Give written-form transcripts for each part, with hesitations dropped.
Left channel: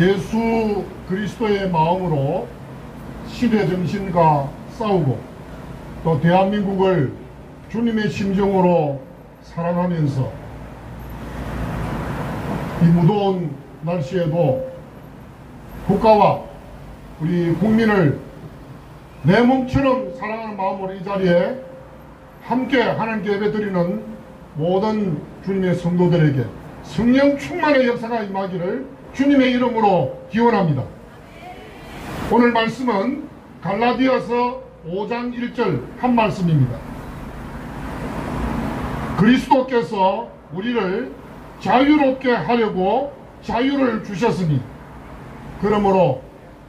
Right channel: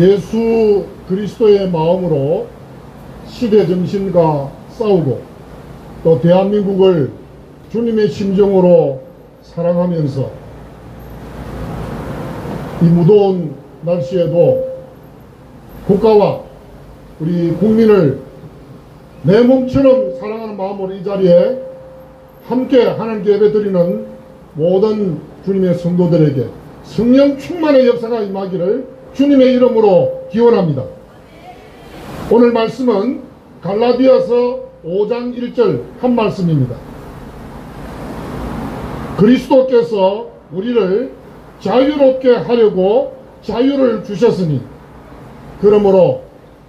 예수 그리스도의 마음으로 시대 정신과 싸우고 또 대한민국을 주님의 심정으로 사랑하면서 이 무더운 날씨에도 국가와 우리 국민을 내 몸처럼 사랑하는 마음으로 이 자리에 함께 하나님께 예배드리는 모든 주님의 성도들에게 성령 충만의 역사가 임하기를 주님의 이름으로 기원합니다. 오늘 말씀은 갈라디아서 5장 1절 한 말씀입니다. 그리스도께서 우리를 자유롭게 하려고 자유를 주셨으니 그러므로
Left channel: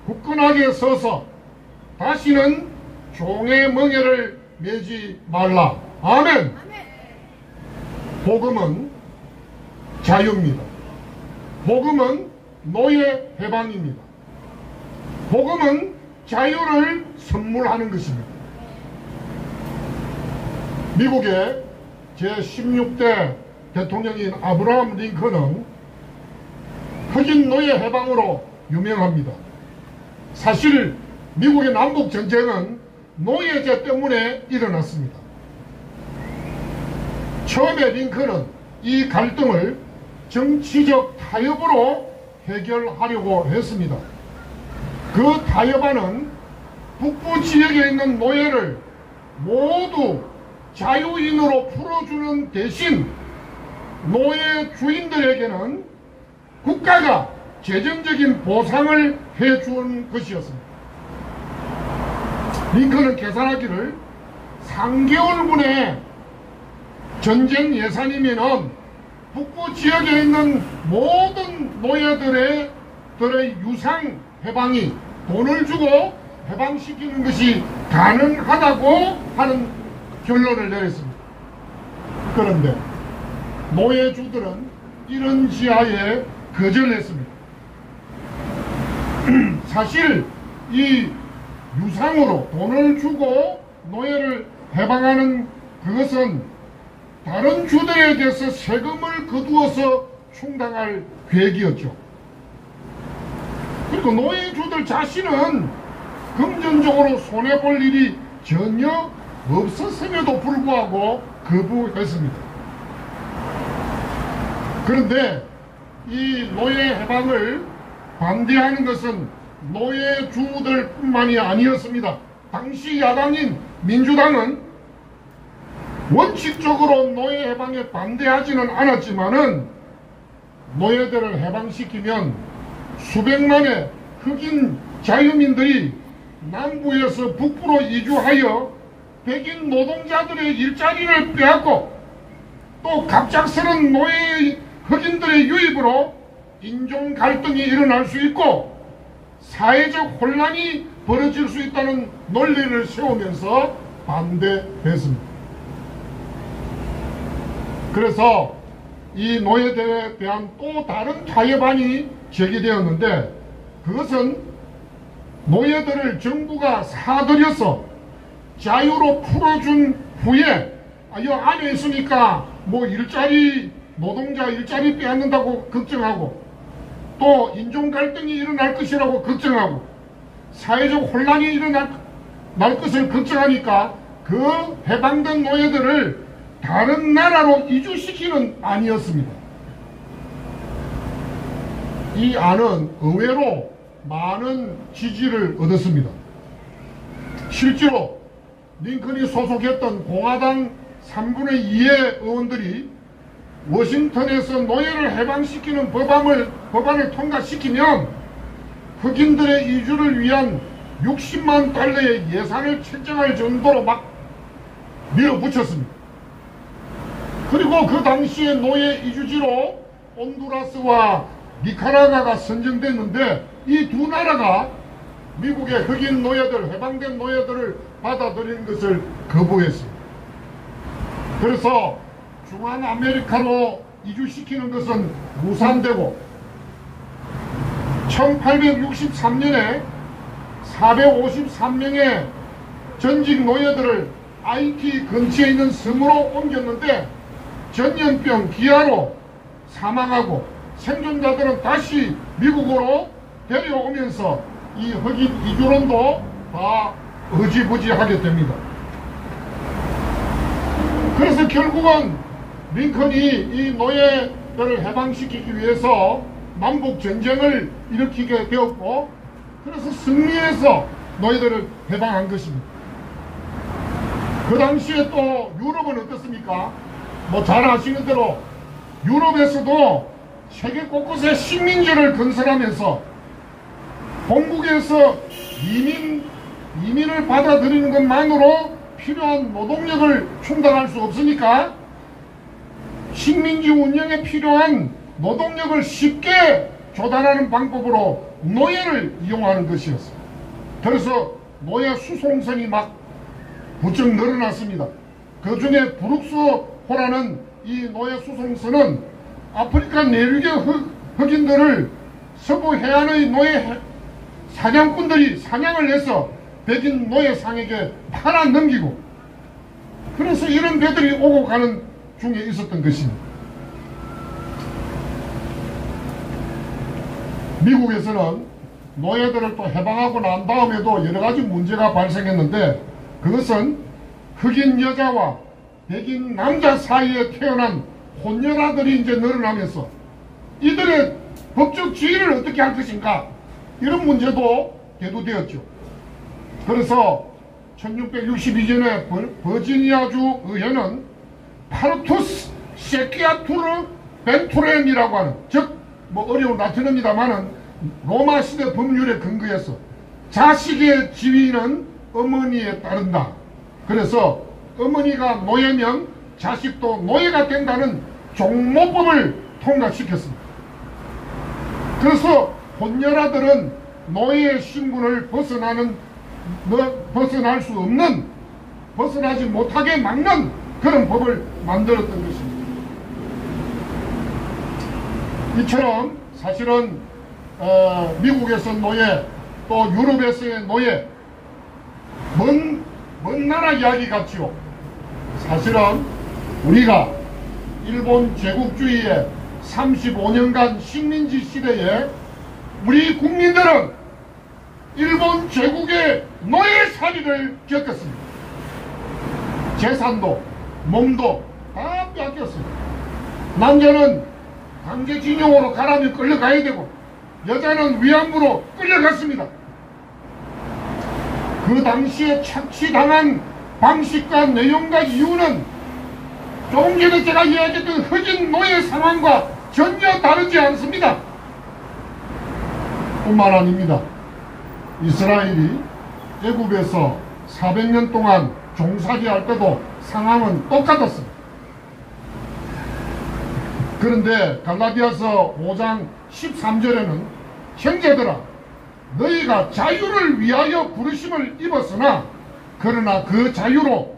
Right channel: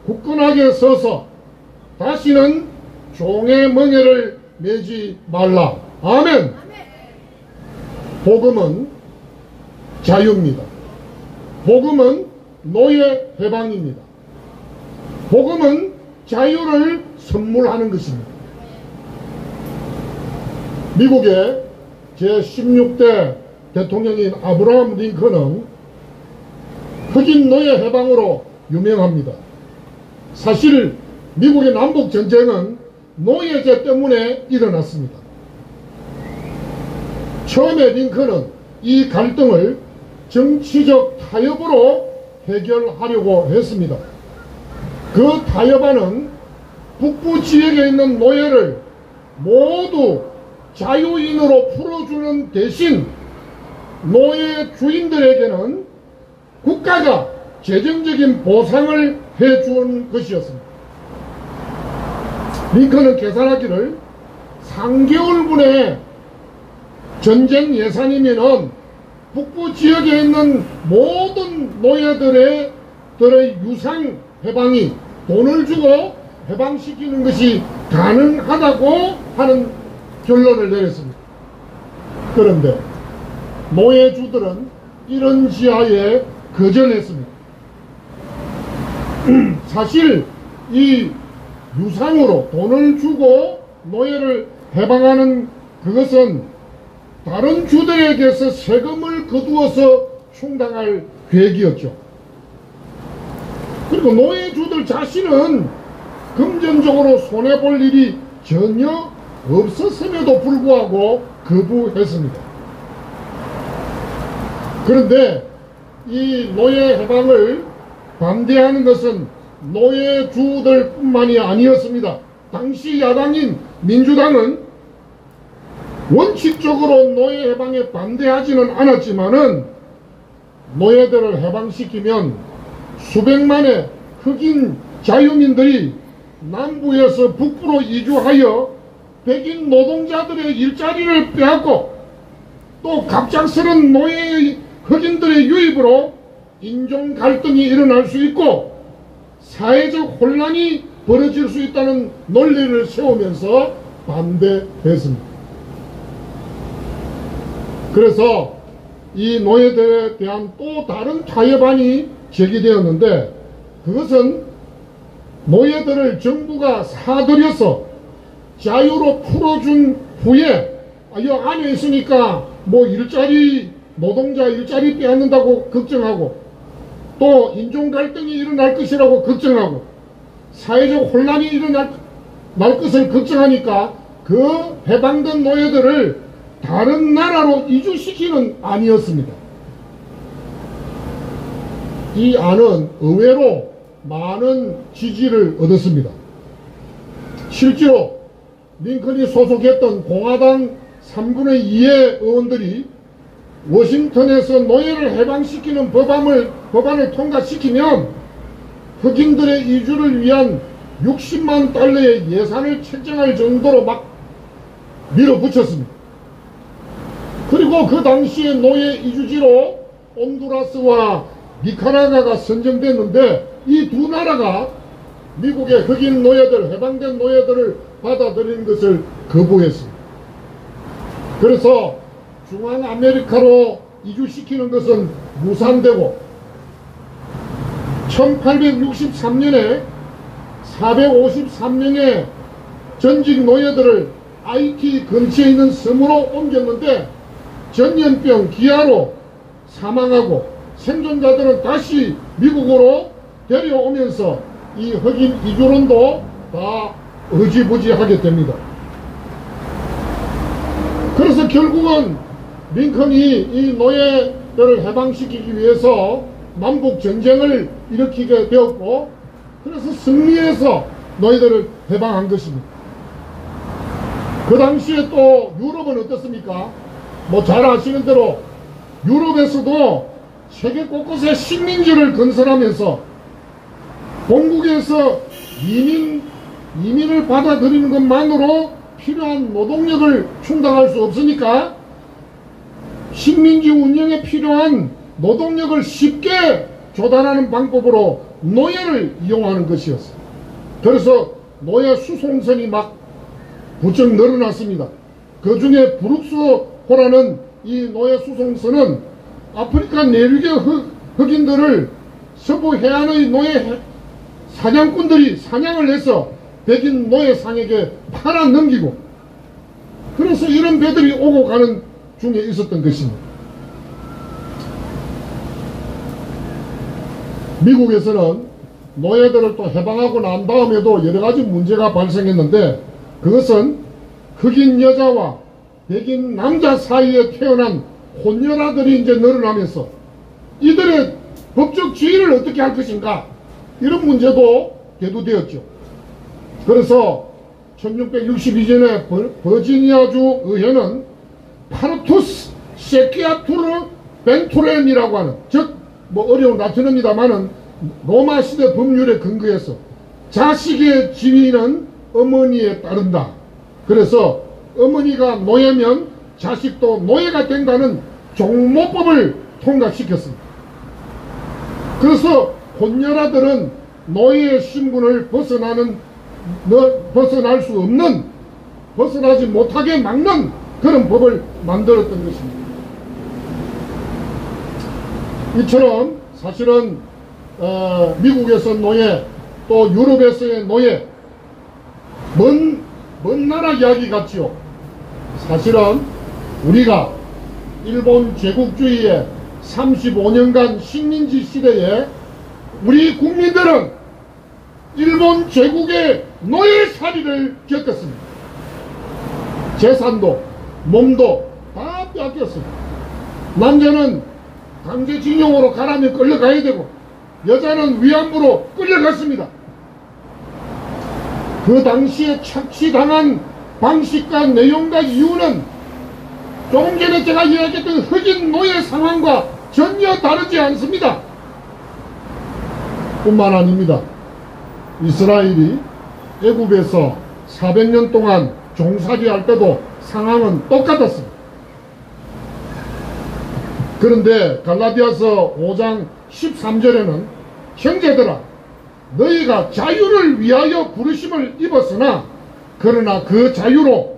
굳건하게 서서 다시는 종의 멍에를 매지 말라. 아멘. 복음은 자유입니다. 복음은 노예 해방입니다. 복음은 자유를 선물하는 것입니다. 미국의 제16대 대통령인 아브라함 링컨은 흑인 노예 해방으로 유명합니다. 사실 미국의 남북전쟁은 노예제 때문에 일어났습니다. 처음에 링컨은 이 갈등을 정치적 타협으로 해결하려고 했습니다. 그 타협안은 북부 지역에 있는 노예를 모두 자유인으로 풀어주는 대신 노예 주인들에게는 국가가 재정적인 보상을 해준 것이었습니다. 링컨은 계산하기를 3개월분의 전쟁 예산이면은 북부 지역에 있는 모든 노예들의 유상 해방이 돈을 주고 해방시키는 것이 가능하다고 하는 결론을 내렸습니다. 그런데 노예주들은 이런 지하에 거절했습니다. 사실 이 유상으로 돈을 주고 노예를 해방하는 그것은 다른 주들에게서 세금을 거두어서 충당할 계획이었죠. 그리고 노예주들 자신은 금전적으로 손해볼 일이 전혀 없었음에도 불구하고 거부했습니다. 그런데 이 노예 해방을 반대하는 것은 노예주들 뿐만이 아니었습니다. 당시 야당인 민주당은 원칙적으로 노예 해방에 반대하지는 않았지만은 노예들을 해방시키면 수백만의 흑인 자유민들이 남부에서 북부로 이주하여 백인 노동자들의 일자리를 빼앗고 또 갑작스런 노예 흑인들의 유입으로 인종 갈등이 일어날 수 있고 사회적 혼란이 벌어질 수 있다는 논리를 세우면서 반대했습니다. 그래서 이 노예들에 대한 또 다른 타협안이 제기되었는데 그것은 노예들을 정부가 사들여서 자유로 풀어준 후에 이 안에 있으니까 뭐 일자리 노동자 일자리 빼앗는다고 걱정하고 또 인종 갈등이 일어날 것이라고 걱정하고 사회적 혼란이 일어날 것을 걱정하니까 그 해방된 노예들을 다른 나라로 이주시키는 안이었습니다. 이 안은 의외로 많은 지지를 얻었습니다. 실제로 링컨이 소속했던 공화당 3분의 2의 의원들이 워싱턴에서 노예를 해방시키는 법안을 통과시키면 흑인들의 이주를 위한 60만 달러의 예산을 책정할 정도로 막 밀어붙였습니다. 그리고 그 당시에 노예 이주지로 온두라스와 니카라과가 선정됐는데 이 두 나라가 미국의 흑인 노예들, 해방된 노예들을 받아들이는 것을 거부했습니다. 그래서 중앙아메리카로 이주시키는 것은 무산되고 1863년에 453명의 전직 노예들을 IT 근처에 있는 섬으로 옮겼는데 전염병 기아로 사망하고 생존자들은 다시 미국으로 데려오면서 이 흑인 이주론도 다 흐지부지하게 됩니다. 그래서 결국은 링컨이 이 노예들을 해방시키기 위해서 남북 전쟁을 일으키게 되었고, 그래서 승리해서 노예들을 해방한 것입니다. 그 당시에 또 유럽은 어떻습니까? 뭐 잘 아시는 대로 유럽에서도 세계 곳곳에 식민지를 건설하면서 본국에서 이민을 받아들이는 것만으로 필요한 노동력을 충당할 수 없으니까 식민지 운영에 필요한 노동력을 쉽게 조달하는 방법으로 노예를 이용하는 것이었어요. 그래서 노예 수송선이 막 부쩍 늘어났습니다. 그 중에 브룩스호라는 이 노예 수송선은 아프리카 내륙의 흑인들을 서부 해안의 노예 사냥꾼들이 사냥을 해서 백인 노예상에게 팔아 넘기고, 그래서 이런 배들이 오고 가는 중에 있었던 것입니다. 미국에서는 노예들을 또 해방하고 난 다음에도 여러 가지 문제가 발생했는데, 그것은 흑인 여자와 백인 남자 사이에 태어난 혼혈아들이 이제 늘어나면서 이들의 법적 지위를 어떻게 할 것인가, 이런 문제도 대두되었죠. 그래서 1662년에 버지니아주 의회는 파르투스 세키아투르 벤투렘이라고 하는, 즉 뭐 어려운 라틴어입니다만은 로마 시대 법률에 근거해서 자식의 지위는 어머니에 따른다. 그래서 어머니가 노예면 자식도 노예가 된다는 종모법을 통과시켰습니다. 그래서 혼혈아들은 노예의 신분을 벗어날 수 없는, 벗어나지 못하게 막는 그런 법을 만들었던 것입니다. 이처럼 사실은 미국에서 노예, 또 유럽에서의 노예, 먼 나라 이야기 같지요. 사실은 우리가 일본 제국주의의 35년간 식민지 시대에 우리 국민들은 일본 제국의 노예살이를 겪었습니다. 재산도 몸도 다 빼앗겼습니다. 남자는 강제징용으로 가라면 끌려가야 되고 여자는 위안부로 끌려갔습니다. 그 당시에 착취당한 방식과 내용과 이유는 조금 전에 제가 이야기했던 흑인 노예 상황과 전혀 다르지 않습니다. 뿐만 아닙니다. 이스라엘이 애굽에서 400년 동안 종살이할 때도 상황은 똑같았습니다. 그런데 갈라디아서 5장 13절에는 형제들아 너희가 자유를 위하여 부르심을 입었으나 그러나 그 자유로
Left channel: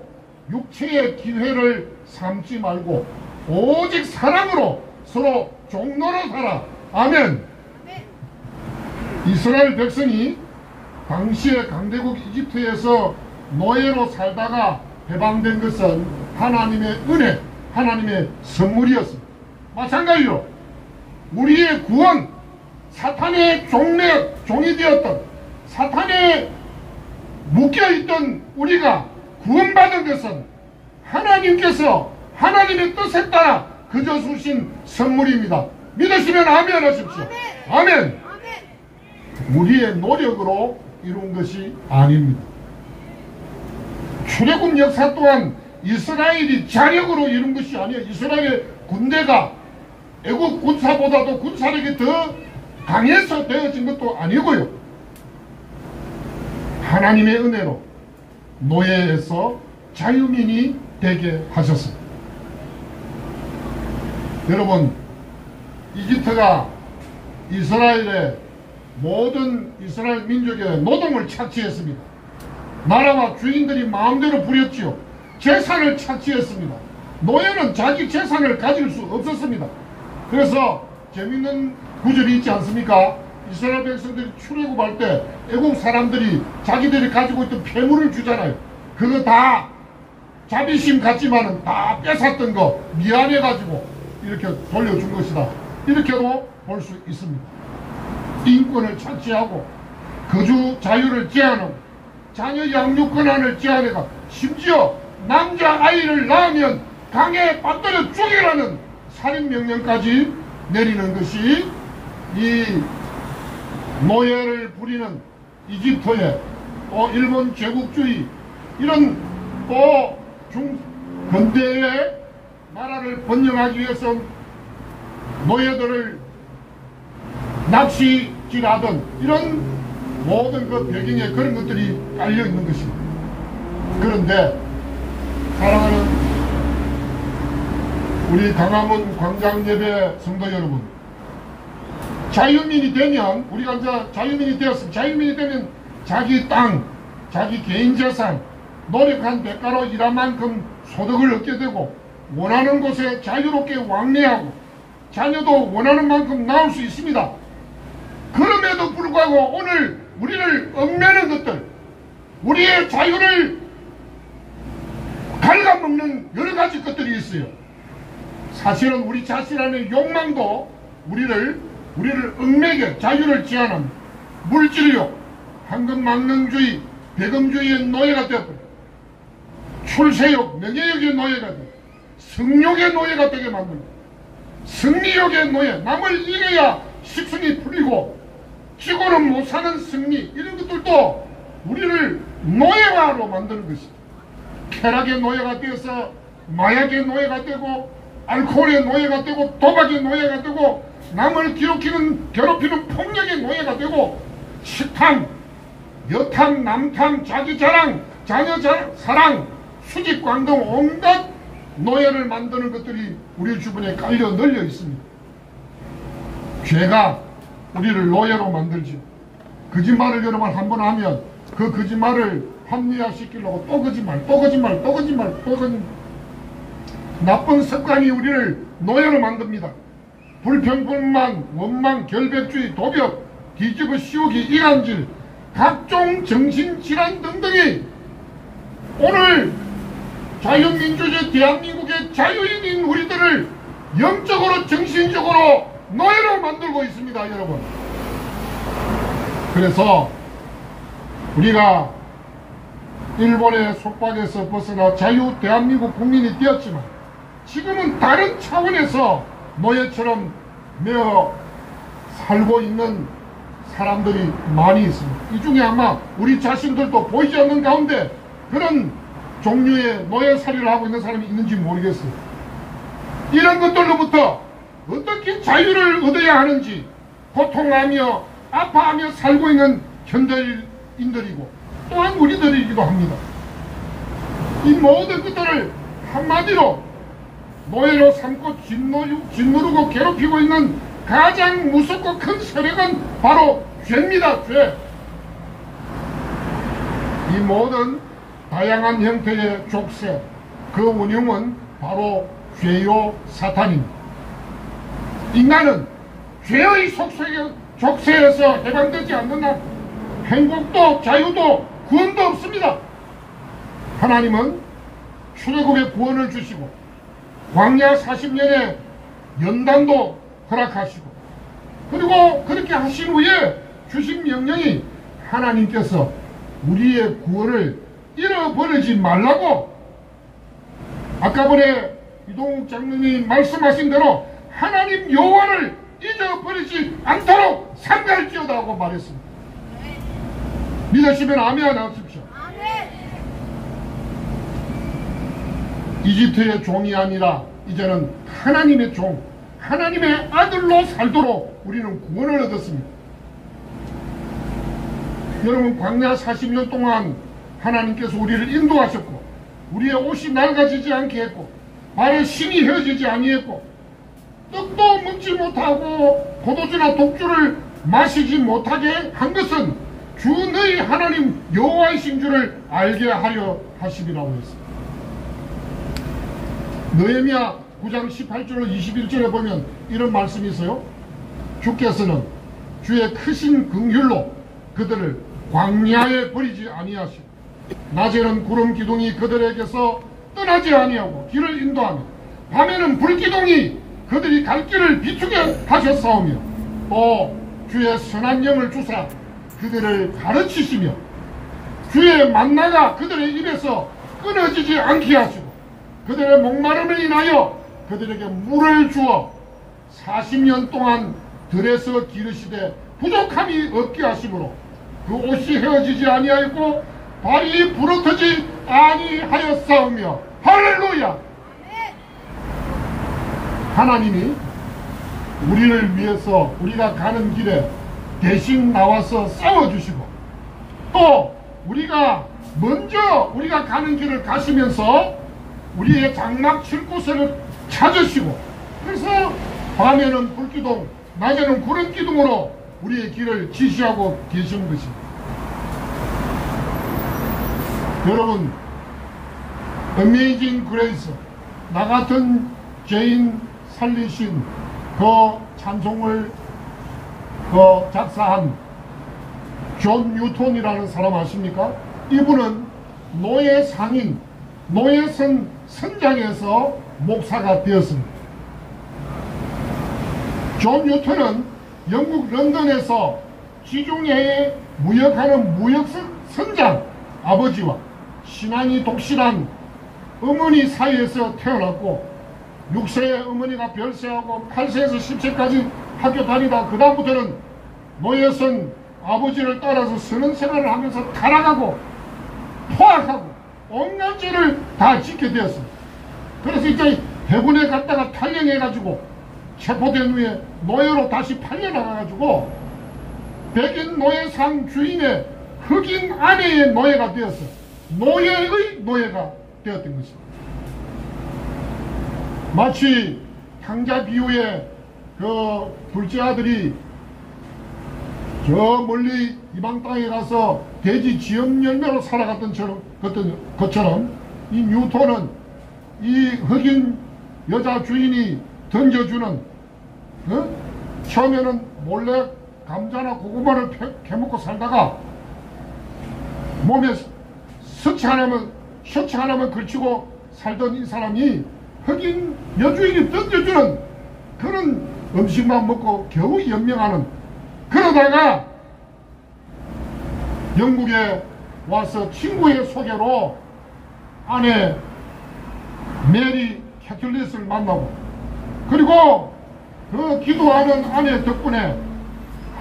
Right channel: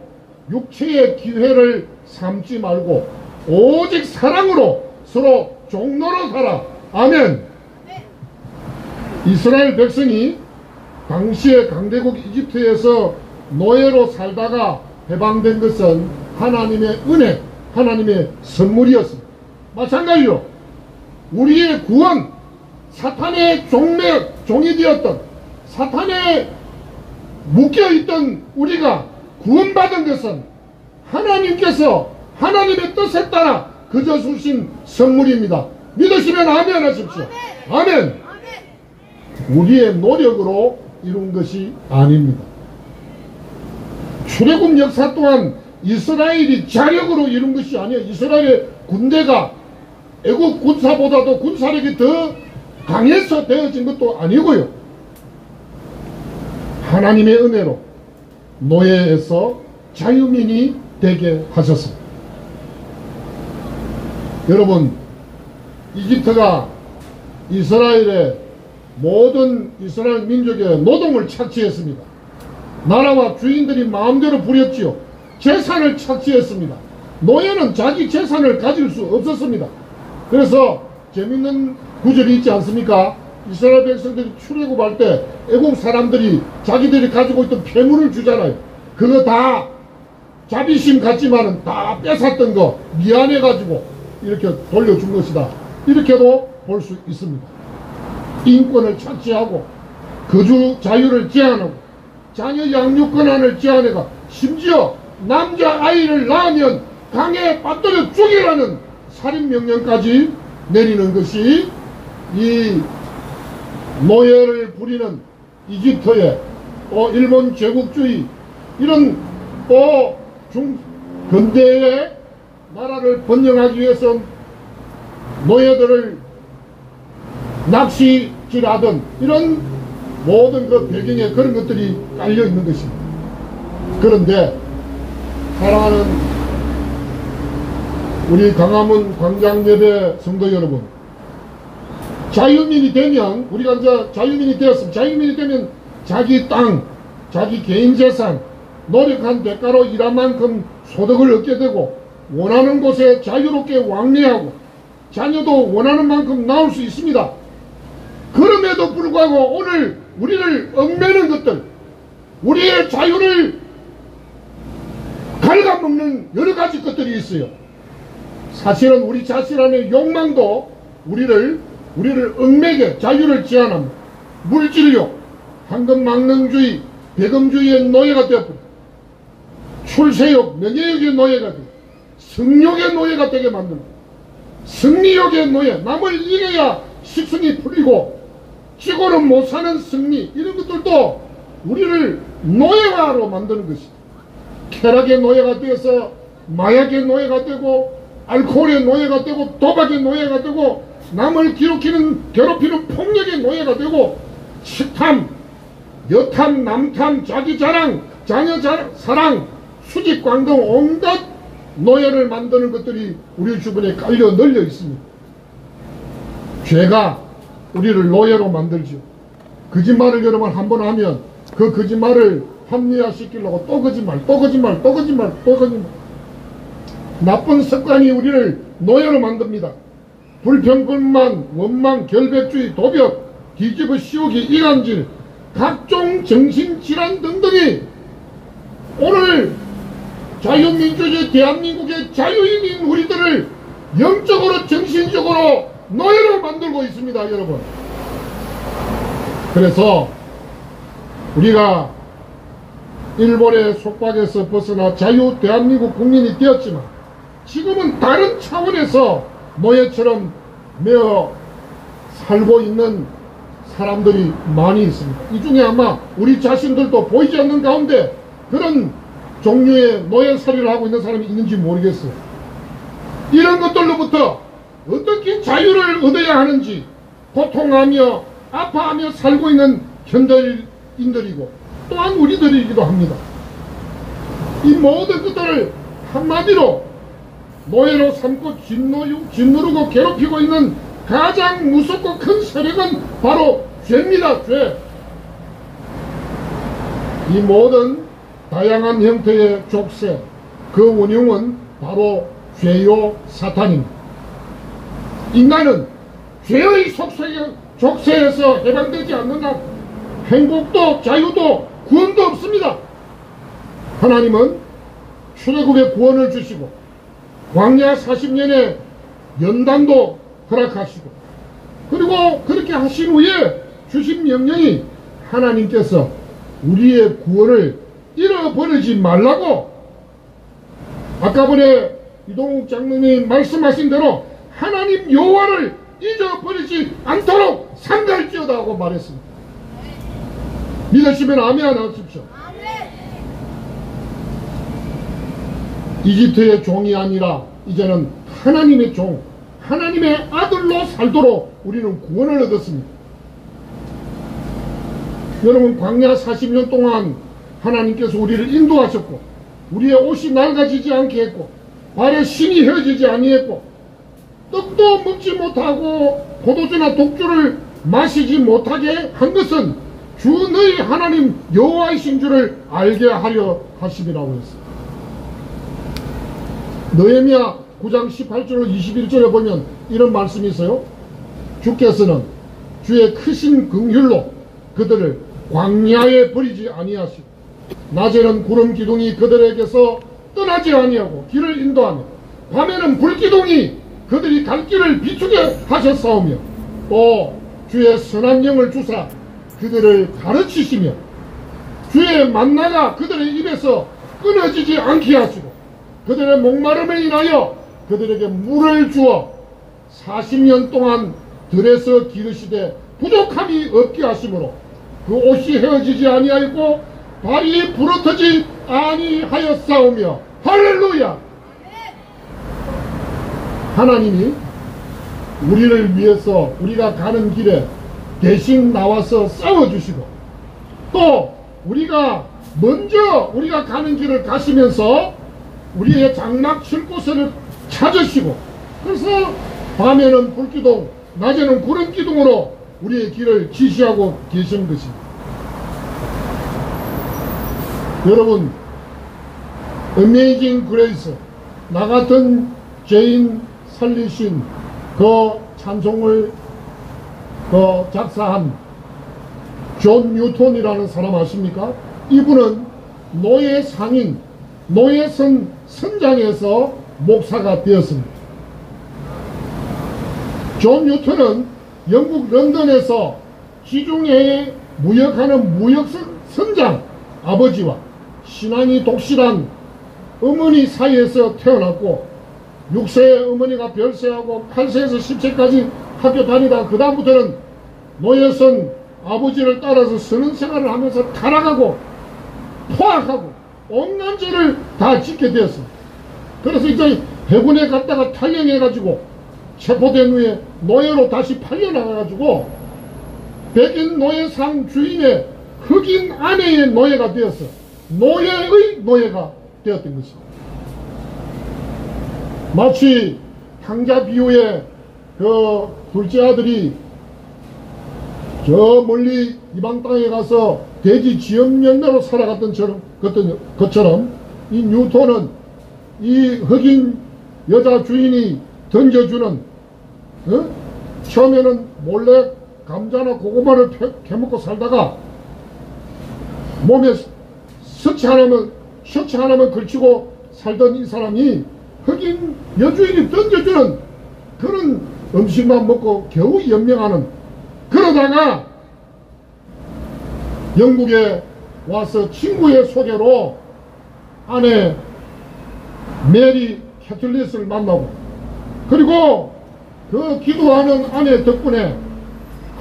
육체의 기회를 삼지 말고 오직 사랑으로 서로 종로로 살아. 아멘. 이스라엘 백성이 당시의 강대국 이집트에서 노예로 살다가 해방된 것은 하나님의 은혜, 하나님의 선물이었습니다. 마찬가지로 우리의 구원, 사탄의 종이 되었던, 사탄에 묶여있던 우리가 구원받은 것은 하나님께서 하나님의 뜻에 따라 그저 주신 선물입니다. 믿으시면 아멘 하십시오. 아멘. 우리의 노력으로 이룬 것이 아닙니다. 출애굽 역사 또한 이스라엘이 자력으로 이룬 것이 아니에요. 이스라엘의 군대가 애국 군사보다도 군사력이 더 강해서 되어진 것도 아니고요. 하나님의 은혜로 노예에서 자유민이 되게 하셨습니다. 여러분, 이집트가 이스라엘의 모든 이스라엘 민족의 노동을 착취했습니다. 나라와 주인들이 마음대로 부렸지요. 재산을 착취했습니다. 노예는 자기 재산을 가질 수 없었습니다. 그래서 재밌는 구절이 있지 않습니까? 이스라엘 백성들이 출애굽할 때 애국 사람들이 자기들이 가지고 있던 폐물을 주잖아요. 그거 다 자비심 같지만은 다 뺏었던 거 미안해가지고 이렇게 돌려준 것이다. 이렇게도 볼 수 있습니다. 인권을 착취하고 거주 자유를 제한하고 자녀 양육 권한을 제한해가 심지어 남자아이를 낳으면 강에 빠뜨려 죽이라는 살인명령까지 내리는 것이 이 노예를 부리는 이집트의 또 일본 제국주의 이런 또 근대의 나라를 번영하기 위해서 노예들을 낚시질하던 이런 모든 그 배경에 그런 것들이 깔려 있는 것입니다. 그런데 사랑하는 우리 강화문 광장예배 성도 여러분, 자유민이 되면 우리가 이제 자유민이 되었으면 자유민이 되면 자기 땅, 자기 개인 재산, 노력한 대가로 일한 만큼 소득을 얻게 되고 원하는 곳에 자유롭게 왕래하고 자녀도 원하는 만큼 낳을 수 있습니다. 그럼에도 불구하고 오늘 우리를 얽매는 것들, 우리의 자유를 갉아먹는 여러 가지 것들이 있어요. 사실은 우리 자신 안의 욕망도 우리를 얽매게 자유를 제한합니다. 물질력, 황금망령주의, 배금주의의 노예가 되어버려. 출세욕, 명예욕의 노예가 되어 성욕의 노예가 되게 만든다. 승리욕의 노예, 남을 이겨야 식성이 풀리고 지고는 못 사는 승리, 이런 것들도 우리를 노예화로 만드는 것이다. 쾌락의 노예가 되어서 마약의 노예가 되고 알코올의 노예가 되고 도박의 노예가 되고 남을 괴롭히는 폭력의 노예가 되고 식탐, 여탐, 남탐, 자기 자랑, 자녀 사랑, 수직광 등 온갖 노예를 만드는 것들이 우리 주변에 깔려 널려 있습니다. 죄가 우리를 노예로 만들죠. 거짓말을 여러분 한번 하면 그 거짓말을 합리화시키려고 또 거짓말, 또 거짓말, 또 거짓말, 또 거짓말. 나쁜 습관이 우리를 노예로 만듭니다. 불평불만, 원망, 결백주의, 도벽, 뒤집어 씌우기, 이간질, 각종 정신질환 등등이 오늘 자유민주주의 대한민국의 자유인인 우리들을 영적으로 정신적으로 노예로 만들고 있습니다, 여러분. 그래서 우리가 일본의 속박에서 벗어나 자유 대한민국 국민이 되었지만 지금은 다른 차원에서 노예처럼 매어 살고 있는 사람들이 많이 있습니다. 이 중에 아마 우리 자신들도 보이지 않는 가운데 그런 종류의 노예살이를 하고 있는 사람이 있는지 모르겠어. 이런 것들로부터 어떻게 자유를 얻어야 하는지 고통하며 아파하며 살고 있는 현대인들이고 또한 우리들이기도 합니다. 이 모든 것들을 한마디로 노예로 삼고 짓누르고 괴롭히고 있는 가장 무섭고 큰 세력은 바로 죄입니다. 죄. 이 모든 다양한 형태의 족쇄, 그 운용은 바로 죄요 사탄입니다. 인간은 죄의 족쇄에서 해방되지 않는 한 행복도 자유도 구원도 없습니다. 하나님은 출애굽의 구원을 주시고 광야 40년의 연단도 허락하시고 그리고 그렇게 하신 후에 주신 명령이 하나님께서 우리의 구원을 잃어버리지 말라고 아까 전에 이동욱 장로님이 말씀하신 대로 하나님 여호와를 잊어버리지 않도록 삼가할지어다 하고 말했습니다. 믿으시면 아멘 하십시오. 이집트의 종이 아니라 이제는 하나님의 종, 하나님의 아들로 살도록 우리는 구원을 얻었습니다. 여러분, 광야 40년 동안 하나님께서 우리를 인도하셨고 우리의 옷이 낡아지지 않게 했고 발에 신이 휘어지지 아니했고 떡도 먹지 못하고 포도주나 독주를 마시지 못하게 한 것은 주 너희 하나님 여호와이신 줄을 알게 하려 하심이라고 했습니다. 느헤미야 9장 18절 21절에 보면 이런 말씀이 있어요. 주께서는 주의 크신 긍휼로 그들을 광야에 버리지 아니하시고 낮에는 구름 기둥이 그들에게서 떠나지 아니하고 길을 인도하며 밤에는 불기둥이 그들이 갈 길을 비추게 하셨사오며 또 주의 선한 영을 주사 그들을 가르치시며 주의 만나가 그들의 입에서 끊어지지 않게 하시고 그들의 목마름을 인하여 그들에게 물을 주어 40년 동안 들에서 기르시되 부족함이 없게 하심으로 그 옷이 헤어지지 아니하였고 발이 부러뜨지 아니하였사오며 할렐루야. 하나님이 우리를 위해서 우리가 가는 길에 대신 나와서 싸워주시고 또 우리가 먼저 우리가 가는 길을 가시면서 우리의 장막 칠 곳을 찾으시고 그래서 밤에는 불기둥 낮에는 구름기둥으로 우리의 길을 지시하고 계시는 것입니다. 여러분, 어메이징 그레이스 나 같은 죄인 살리신 그 찬송을 작사한 존 뉴턴이라는 사람 아십니까? 이분은 노예 상인, 노예선 선장에서 목사가 되었습니다. 존 뉴턴은 영국 런던에서 지중해에 무역하는 무역선장 아버지와 신앙이 독실한 어머니 사이에서 태어났고 6세에 어머니가 별세하고 8세에서 10세까지 학교 다니다 그 다음부터는 노예선 아버지를 따라서 선원 생활을 하면서 타락하고 포악하고 온갖 죄를 다 짓게 되었습니다. 그래서 이제 해군에 갔다가 탈영해가지고 체포된 후에 노예로 다시 팔려나가가지고 백인 노예상 주인의 흑인 아내의 노예가 되어서 노예의 노예가 되었던 것입니다. 마치 강자 비유의 그 둘째 아들이 저 멀리 이방 땅에 가서 돼지 지엄 열매로 살아갔던 것처럼 이 뉴턴은 이 흑인 여자 주인이 던져주는 처음에는 몰래 감자나 고구마를 캐먹고 살다가 몸에 셔츠 하나만 걸치고 살던 이 사람이 흑인 여주인이 던져주는 그런 음식만 먹고 겨우 연명하는, 그러다가 영국에 와서 친구의 소개로 아내 메리 캐틀릿을 만나고, 그리고 그 기도하는 아내 덕분에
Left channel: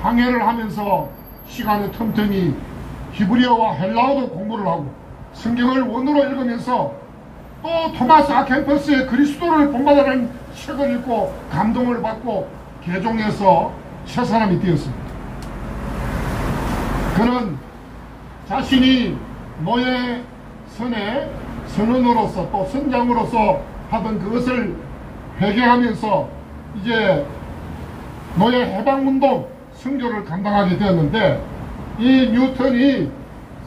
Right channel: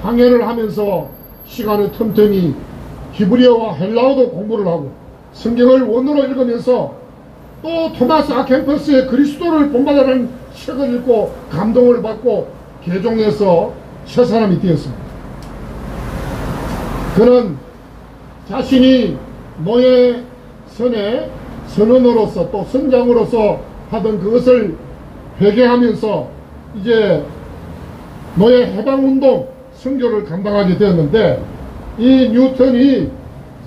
항해를 하면서 시간의 틈틈이 히브리어와 헬라어도 공부를 하고 성경을 원어로 읽으면서 또 토마스 아켄퍼스의 그리스도를 본받으라는 책을 읽고 감동을 받고 개종해서 새 사람이 되었습니다. 그는 자신이 노예선의 선원으로서 또 선장으로서 하던 그것을 회개하면서 이제 노예 해방운동 선교를 감당하게 되었는데, 이 뉴턴이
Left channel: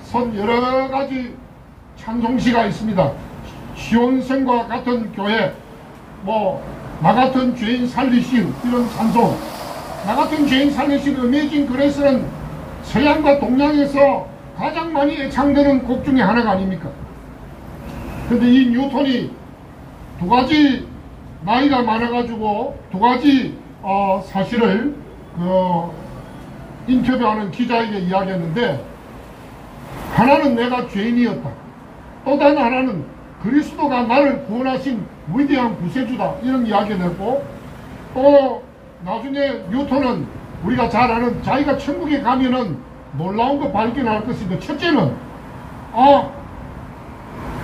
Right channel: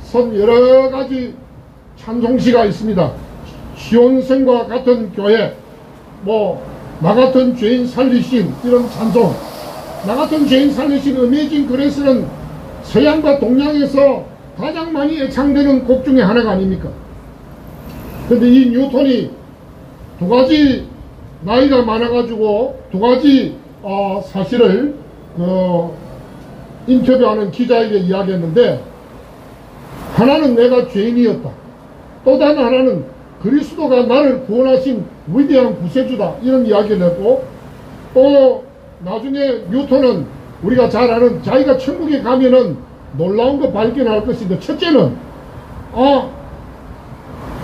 쓴 여러가지 찬송시가 있습니다. 시온성과 같은 교회, 나 같은 죄인 살리신, 이런 찬송. 나 같은 죄인 살리신 어메이징 그레이스는 서양과 동양에서 가장 많이 애창되는 곡 중에 하나가 아닙니까? 근데 이 뉴턴이 두 가지 나이가 많아가지고 두 가지 사실을 인터뷰하는 기자에게 이야기했는데, 하나는 내가 죄인이었다, 또 다른 하나는 그리스도가 나를 구원하신 위대한 구세주다, 이런 이야기를 했고, 또 나중에 뉴턴은 우리가 잘 아는 자기가 천국에 가면은 놀라운 거 발견할 것인데, 첫째는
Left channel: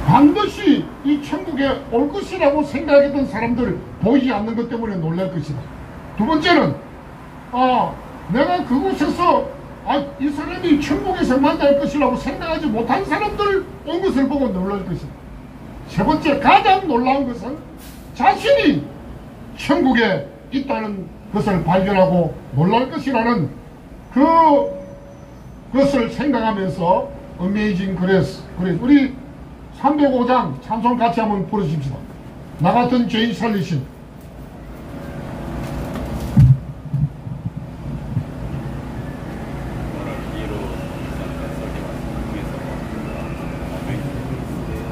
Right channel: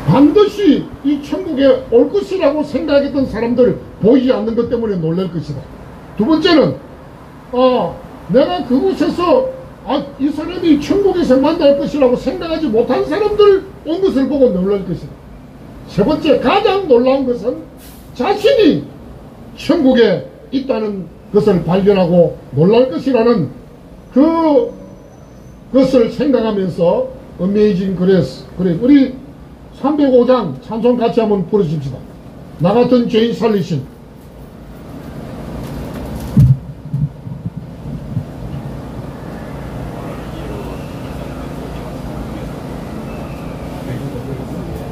반드시 이 천국에 올 것이라고 생각했던 사람들 보이지 않는 것 때문에 놀랄 것이다. 두 번째는 내가 그곳에서 이 사람이 천국에서 만날 것이라고 생각하지 못한 사람들 온 것을 보고 놀랄 것이다. 세 번째, 가장 놀라운 것은 자신이 천국에 있다는 것을 발견하고 놀랄 것이라는 그것을 생각하면서 어메이징 그레이스, 우리 305장 찬송 같이 한번 부르십시다. 나 같은 죄인 살리신.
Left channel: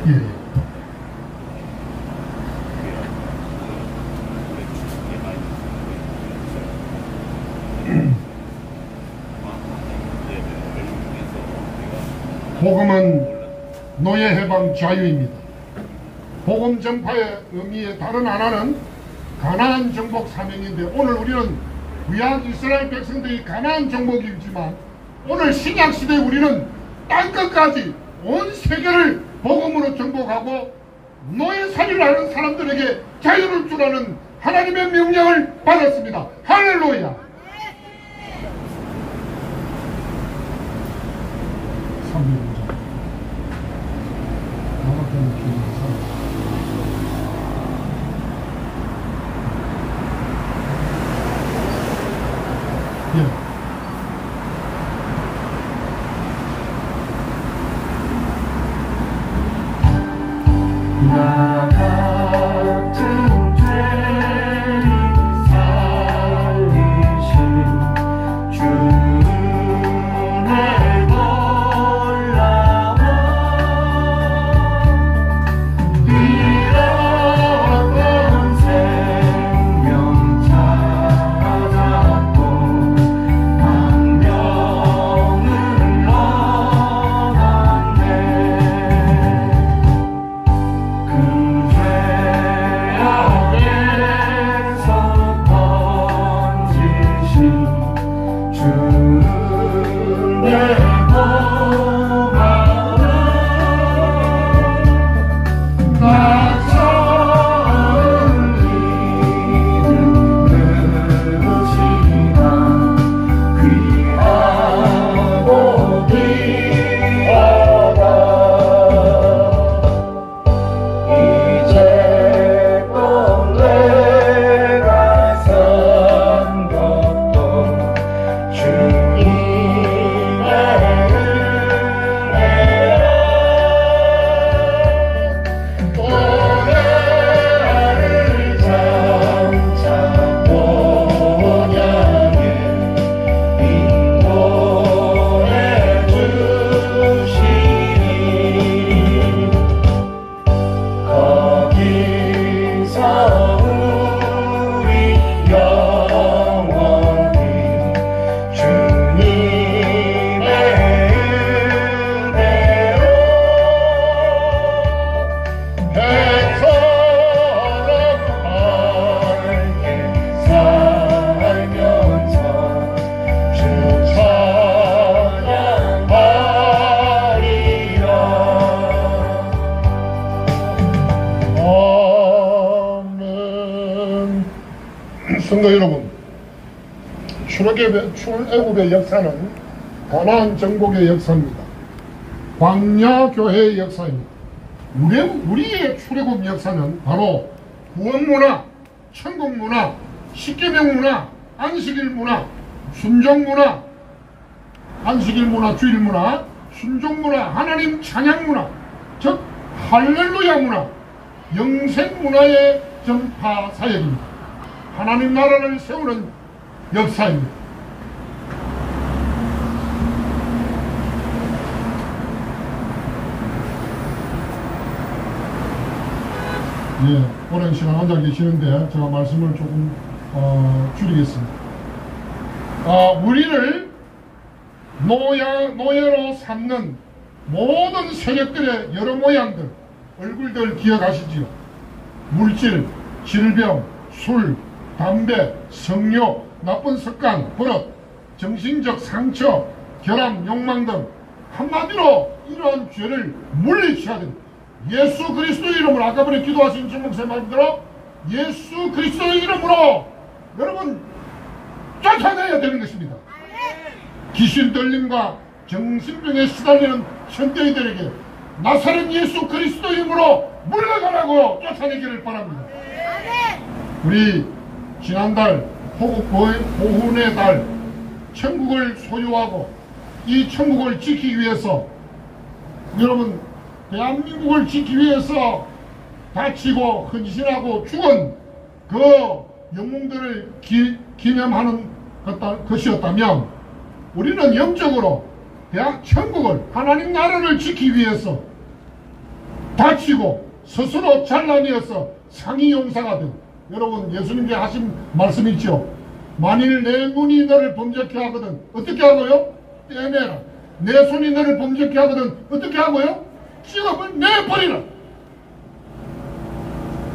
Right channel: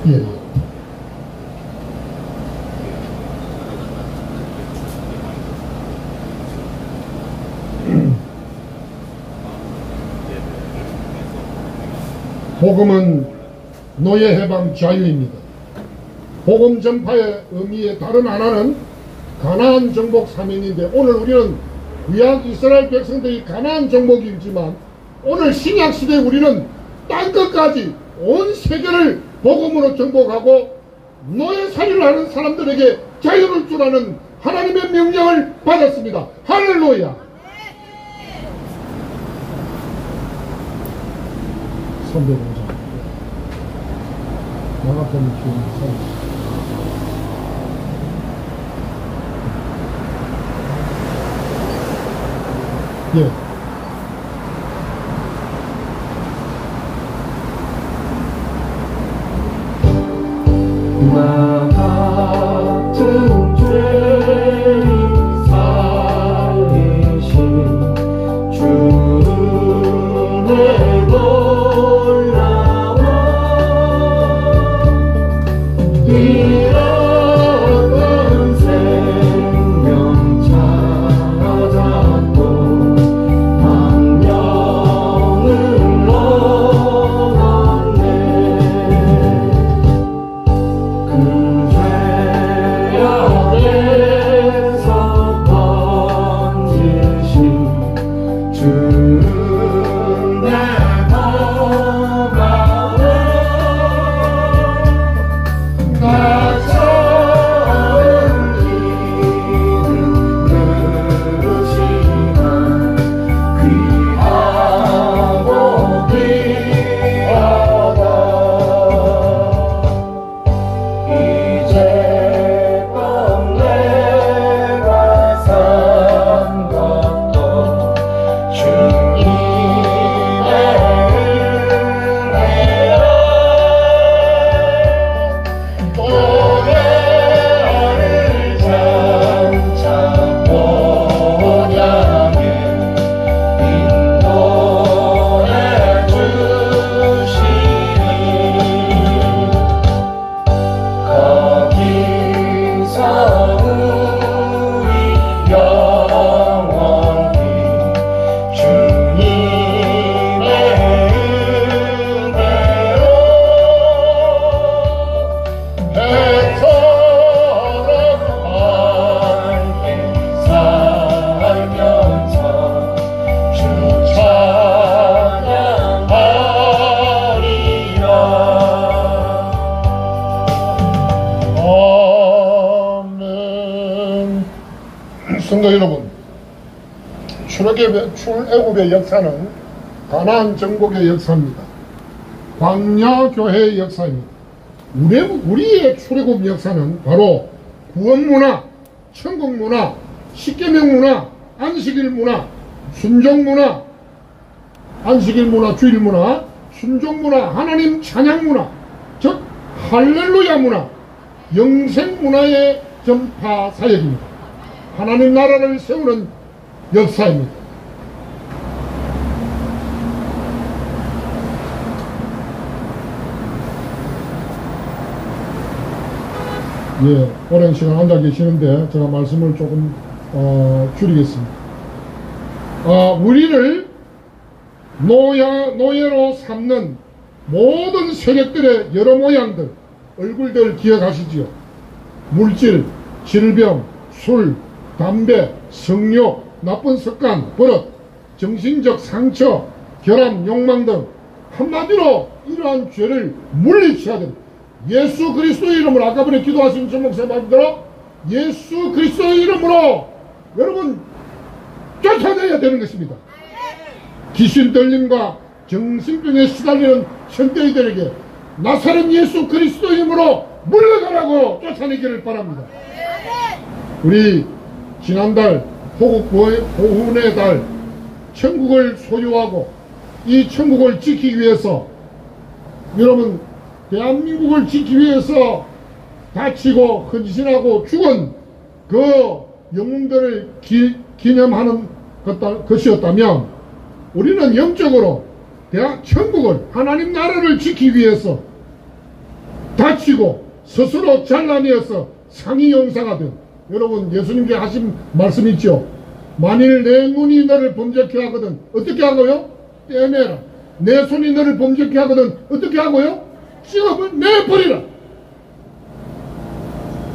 예. 복음은 노예 해방 자유입니다. 복음 전파의 의미의 다른 하나는 가나안 정복 사명인데, 오늘 우리는 구약 이스라엘 백성들이 가나안 정복이지만 오늘 신약 시대에 우리는 땅끝까지 온 세계를 복음으로 정복하고 노예살이를 하는 사람들에게 자유를 주라는 하나님의 명령을 받았습니다. 할렐루야. 305장 나가보는 기운이 예. 나 같은 죄인 살리신 주의 놀라워 잃어버린 생명 찾았고 광명을 얻었네. 죄악에서 건지신 주 내 고마워. 나처럼 기는 누구지만 귀하고 귀하다. 이제껏 내가 산 것도 주님의 은혜라. 노래를 장차 모양에 인도해 주시니 거기서 우리 영원히 주님의 은혜로 배처럼 밝게 살면서 주 찬양하리라. 아멘. 성도 여러분, 출애굽의 역사는 가나안 정복의 역사입니다. 광야교회의 역사입니다. 우리의 출애굽 역사는 바로 구원문화, 천국문화, 십계명문화, 안식일문화, 순종문화, 안식일문화, 주일문화, 순종문화, 하나님 찬양문화, 즉 할렐루야 문화, 영생문화의 전파 사역입니다. 하나님 나라를 세우는 역사입니다. 예, 오랜 시간 앉아 계시는데 제가 말씀을 조금 줄이겠습니다. 우리를 노예로 삼는 모든 세력들의 여러 모양들, 얼굴들 기억하시지요? 물질, 질병, 술, 담배, 성욕, 나쁜 습관, 버릇, 정신적 상처, 결함, 욕망 등 한마디로 이러한 죄를 물리쳐야 됩니다. 예수 그리스도의 이름으로, 아까 전에 기도하신 전목사님 말대로 예수 그리스도의 이름으로 여러분 쫓아내야 되는 것입니다. 귀신 들림과 정신병에 시달리는 현대인들에게 나사렛 예수 그리스도의 이름으로 물러가라고 쫓아내기를 바랍니다. 우리 지난달 호국 보훈의 달 천국을 소유하고 이 천국을 지키기 위해서, 여러분 대한민국을 지키기 위해서 다치고 헌신하고 죽은 그 영웅들을 기념하는 것이었다면, 우리는 영적으로 천국을, 하나님 나라를 지키기 위해서 다치고 스스로 잘라내어서 상의용사가 된, 여러분 예수님께 하신 말씀 있죠? 만일 내 눈이 너를 범죄케 하거든 어떻게 하고요? 떼내라. 내 손이 너를 범죄케 하거든 어떻게 하고요? 찍어내버리라.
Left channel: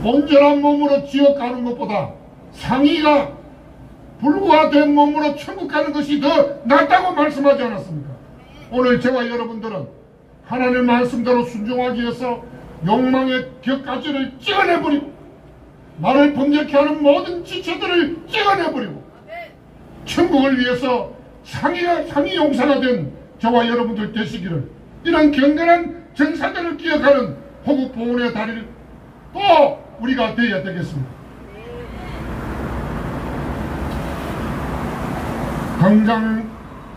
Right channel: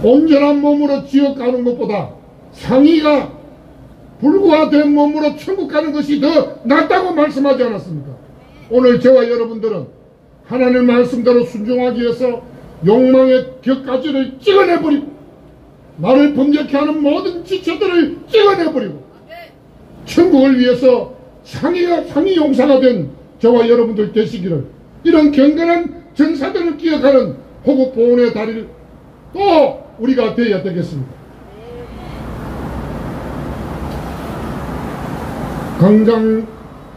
온전한 몸으로 지옥 가는 것보다 상의가 불구화된 몸으로 천국 가는 것이 더 낫다고 말씀하지 않았습니까? 오늘 저와 여러분들은 하나님 말씀대로 순종하기 위해서 욕망의 격가지를 찍어내버리고 나를 범죄케 하는 모든 지체들을 찍어내버리고 천국을 위해서 상위 용사가 된 저와 여러분들 되시기를, 이런 경건한 전사들을 기억하는 호국 보훈의 다리를 또 우리가 되어야 되겠습니다.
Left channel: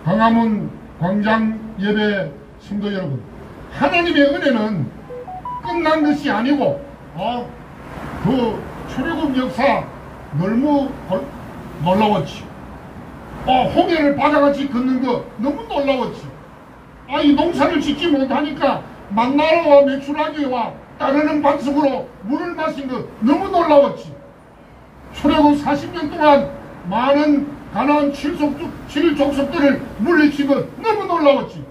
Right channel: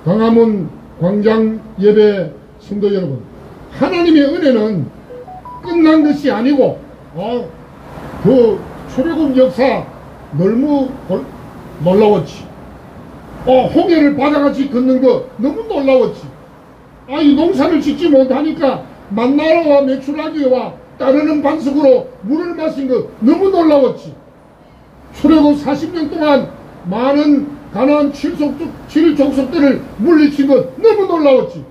광화문 광장 예배 성도 여러분, 하나님의 은혜는 끝난 것이 아니고 그 출애굽 역사 너무 놀라웠지. 홍해를 바다같이 걷는 거 너무 놀라웠지. 이 농사를 짓지 못하니까 만나라와 메추라기와 따르는 반석으로 물을 마신 거 너무 놀라웠지. 출애굽 40년 동안 많은 가나안 7족속들을 물리친 거 너무 놀라웠지.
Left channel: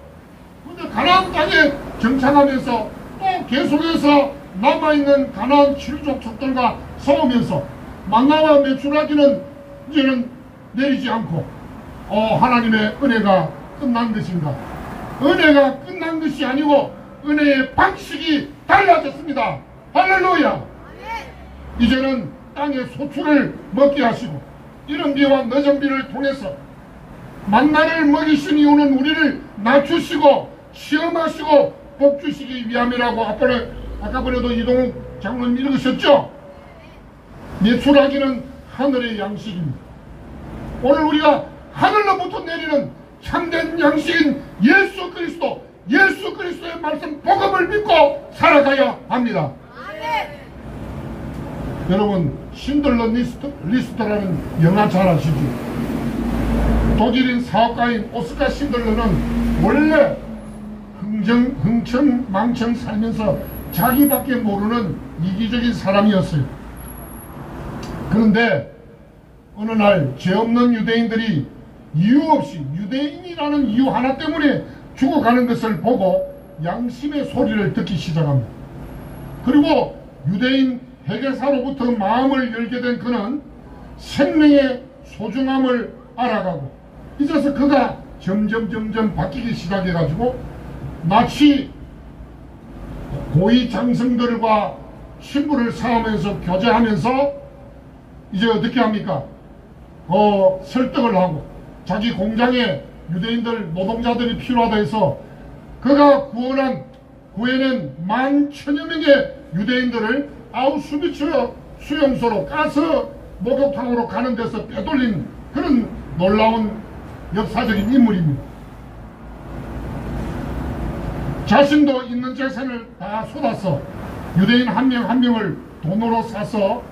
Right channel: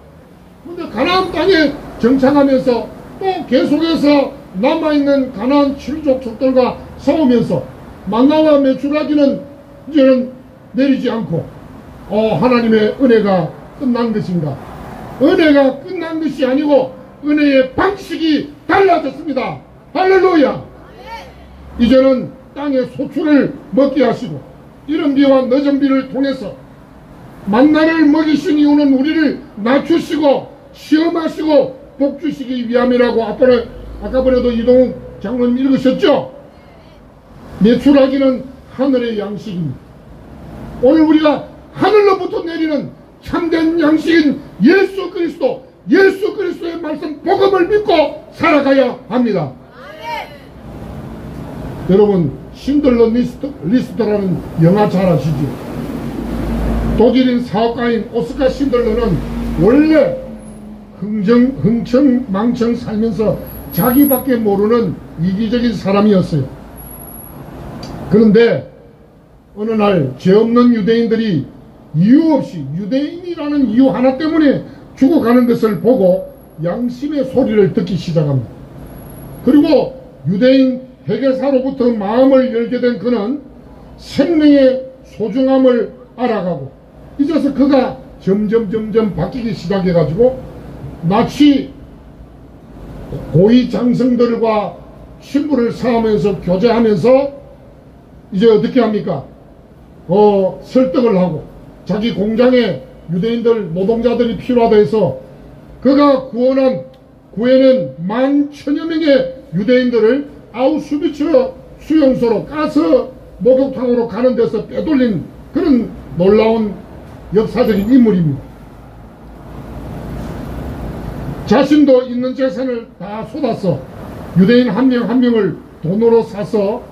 근데 가나안 땅에 정착하면서 또 계속해서 남아있는 가나안 7족속들과 싸우면서 만나와 메추라기는 이제는 내리지 않고 하나님의 은혜가 끝난 것입니다. 은혜가 끝난 것이 아니고 은혜의 방식이 달라졌습니다. 할렐루야. 이제는 땅의 소출을 먹게 하시고 이른 비와 늦은 비를 통해서 만나를 먹이신 이유는 우리를 낮추시고 시험하시고 복주시기 위함이라고 아까번에도 이동욱 장로님 읽으셨죠? 메추라기는 하늘의 양식입니다. 오늘 우리가 하늘로부터 내리는 참된 양식인 예수 그리스도의 말씀 복음을 믿고 살아가야 합니다. 여러분, 신들러 리스트라는 영화 잘 아시죠? 독일인 사업가인 오스카 신들러는 원래 흥청망청 살면서 자기밖에 모르는 이기적인 사람이었어요. 그런데 어느 날 죄 없는 유대인들이 이유 없이 유대인이라는 이유 하나 때문에 죽어가는 것을 보고 양심의 소리를 듣기 시작합니다. 그리고 유대인 회계사로부터 마음을 열게 된 그는 생명의 소중함을 알아가고 이제서 그가 점점 바뀌기 시작해가지고 마치 고위 장성들과 신부를 사하면서 교제하면서 이제 어떻게 합니까? 설득을 하고 자기 공장에 유대인들 노동자들이 필요하다 해서 그가 구해낸 11,000여 명의 유대인들을 아우슈비츠 수용소로 가스 목욕탕으로 가는 데서 빼돌린 그런 놀라운 역사적인 인물입니다. 자신도 있는 재산을 다 쏟아서 유대인 한 명 한 명을 돈으로 사서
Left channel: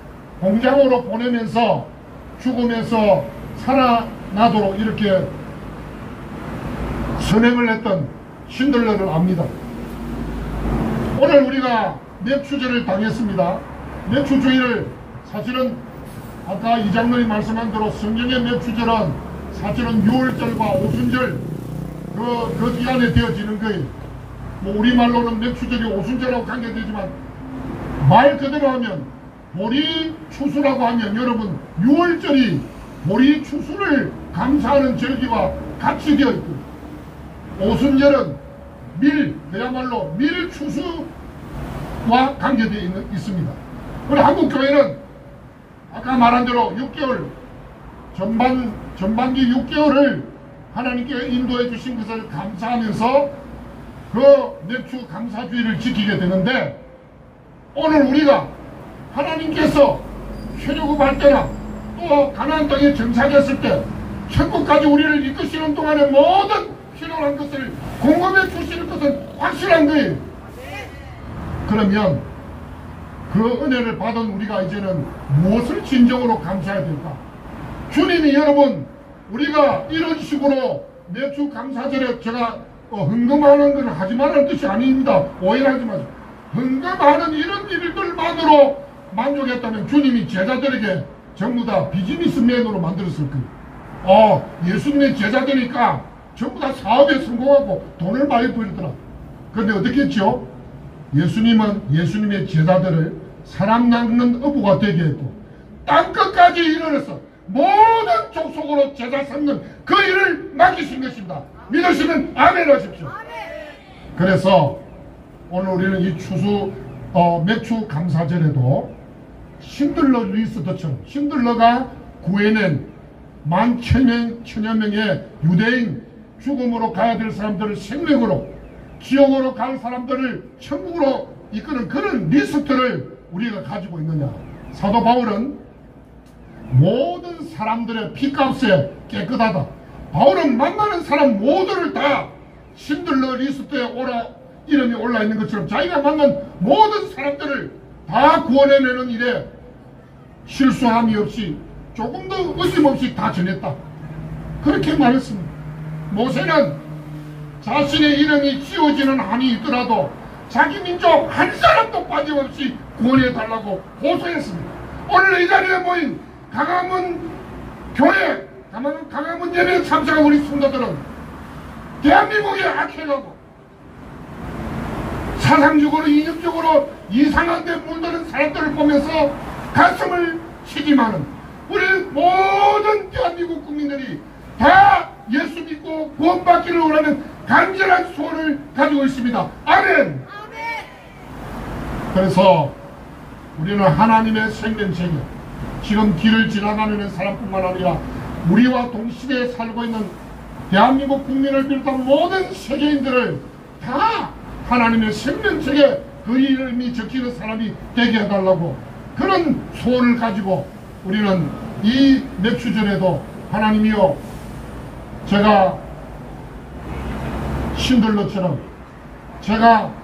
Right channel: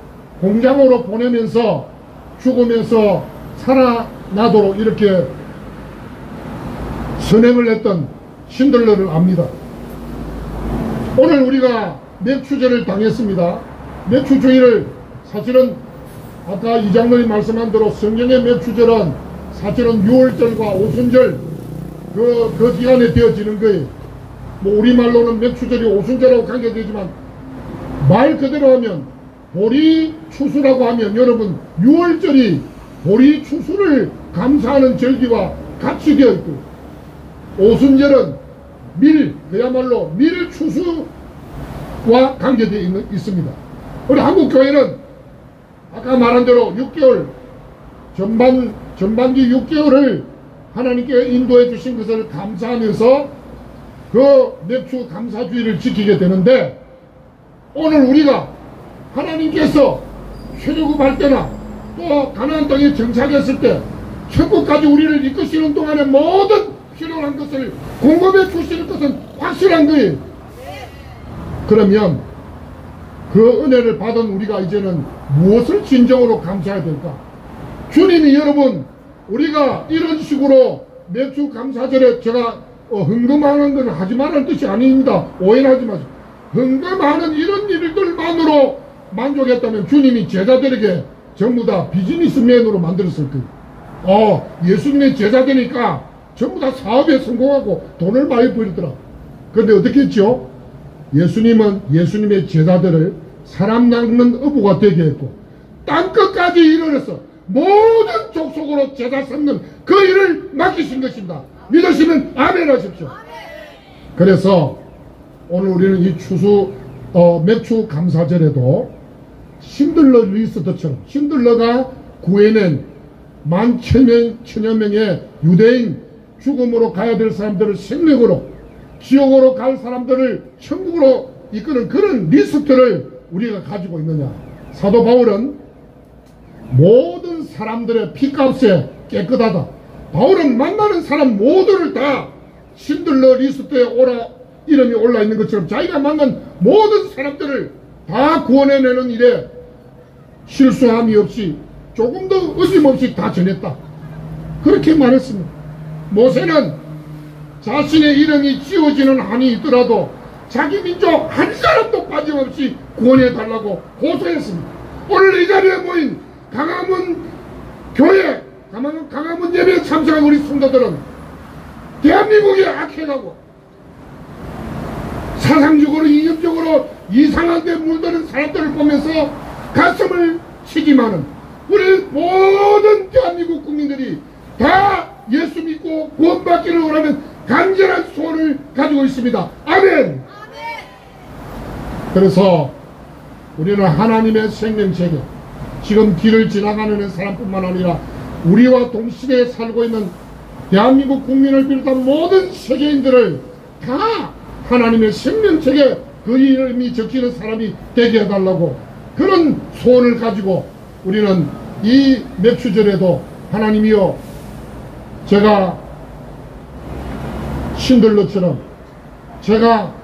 공장으로 보내면서 죽으면서 살아나도록 이렇게 선행을 했던 신들러를 압니다. 오늘 우리가 맥추제를 당했습니다. 맥추주의를 사실은 아까 이 장로님 말씀한 대로 성경의 맥추절은 사실은 6월절과 오순절 그 기간에 되어지는 거예요. 뭐 우리말로는 맥추절이 오순절하고 관계되지만 말 그대로 하면 보리추수라고 하면 여러분 6월절이 보리추수를 감사하는 절기와 같이 되어 있고 오순절은 그야말로 밀추수와 관계되어 있습니다. 우리 한국교회는 아까 말한 대로 6개월 전반기 6개월을 하나님께 인도해 주신 것을 감사하면서 그 맥추 감사주의를 지키게 되는데 오늘 우리가 하나님께서 출애굽할 때나 또 가나안 땅에 정착했을 때 천국까지 우리를 이끄시는 동안에 모든 필요한 것을 공급해 주시는 것은 확실한 거예요. 그러면 그 은혜를 받은 우리가 이제는 무엇을 진정으로 감사해야 될까? 주님이 여러분 우리가 이런 식으로 맥주 감사절에 제가 헌금하는 건 하지 말라는 뜻이 아닙니다. 오해하지 마세요. 헌금하는 이런 일들만으로 만족했다면 주님이 제자들에게 전부 다 비즈니스맨으로 만들었을 거예요. 예수님의 제자되니까 전부 다 사업에 성공하고 돈을 많이 벌더라. 그런데 어떻게 했죠? 예수님은 예수님의 제자들을 사람 낚는 어부가 되게 했고 땅끝까지 이르러서 모든 족속으로 제자 삼는 그 일을 맡기신 것입니다. 믿으시면 아멘 하십시오. 그래서 오늘 우리는 이 맥주 감사절에도 신들러 리스트처럼 신들러가 구해낸 10,000여 명의 유대인 죽음으로 가야 될 사람들을 생명으로 지옥으로 갈 사람들을 천국으로 이끄는 그런 리스트를 우리가 가지고 있느냐. 사도 바울은 모든 사람들의 피값에 깨끗하다. 바울은 만나는 사람 모두를 다 신들러 리스트에 이름이 올라 있는 것처럼 자기가 만난 모든 사람들을 다 구원해내는 일에 실수함이 없이 조금도 의심없이 다 전했다. 그렇게 말했습니다. 모세는 자신의 이름이 지워지는 한이 있더라도 자기 민족 한 사람도 빠짐없이 구원해달라고 호소했습니다. 오늘 이 자리에 모인 강화문 교회, 강화문 예배에 참석한 우리 성도들은 대한민국이 악해가고 사상적으로 이념적으로 이상한 데 물드는 사람들을 보면서 가슴을 치지만은 우리 모든 대한민국 국민들이 다 예수 믿고 구원받기를 원하는 간절한 소원을 가지고 있습니다. 아멘. 그래서 우리는 하나님의 생명체계, 지금 길을 지나가는 사람뿐만 아니라 우리와 동시대에 살고 있는 대한민국 국민을 비롯한 모든 세계인들을 다 하나님의 생명책에 그 이름이 적히는 사람이 되게 해달라고 그런 소원을 가지고 우리는 이 맥주절에도 하나님이여, 제가 신들러처럼 제가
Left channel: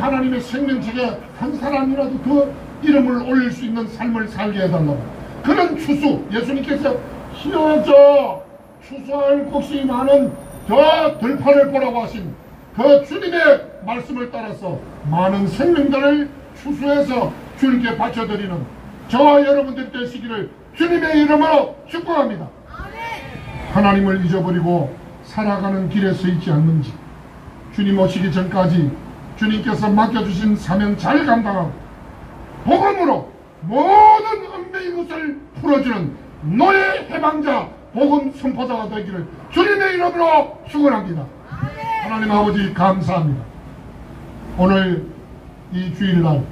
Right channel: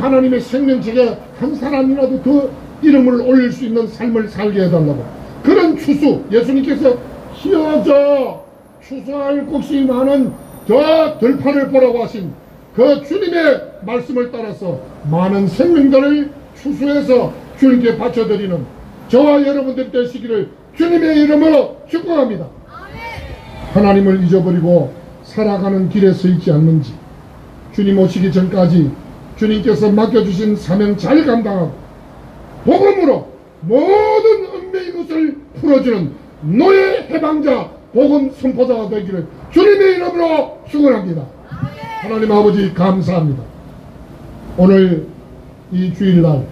하나님의 생명책에 한 사람이라도 그 이름을 올릴 수 있는 삶을 살게 해달라고 그런 추수, 예수님께서 희어져 추수할 곳이 많은 저 들판을 보라고 하신 그 주님의 말씀을 따라서 많은 생명들을 추수해서 주님께 바쳐드리는 저와 여러분들 되시기를 주님의 이름으로 축복합니다. 하나님을 잊어버리고 살아가는 길에 서 있지 않는지, 주님 오시기 전까지 주님께서 맡겨주신 사명 잘 감당하고 복음으로 모든 얽매인 것을 풀어주는 노예 해방자 복음 선포자가 되기를 주님의 이름으로 축원합니다. 하나님 아버지 감사합니다. 오늘 이 주일날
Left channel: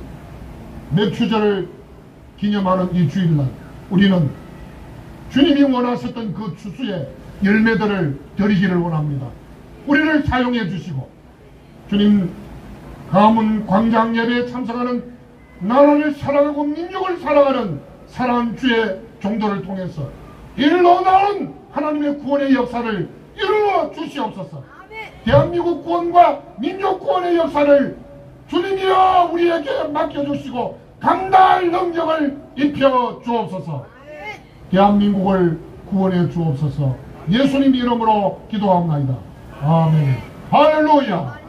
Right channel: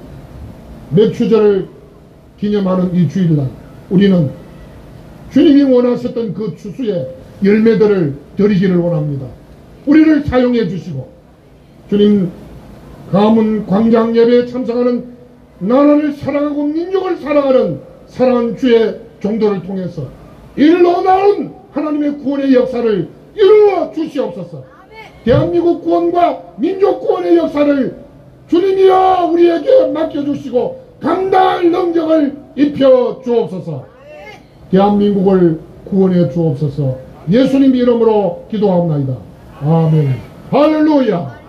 맥주절을 기념하는 이 주일날 우리는 주님이 원하셨던 그 추수의 열매들을 드리기를 원합니다. 우리를 사용해 주시고 주님 가문 광장 예배에 참석하는 나라를 사랑하고 민족을 사랑하는 사랑하는 주의 종도를 통해서 일로 나온 하나님의 구원의 역사를 이루어 주시옵소서. 대한민국 구원과 민족 구원의 역사를 주님이여 우리에게 맡겨주시고 감당할 능력을 입혀 주옵소서. 대한민국을 구원해 주옵소서. 예수님 이름으로 기도합니다. 아멘. 할렐루야.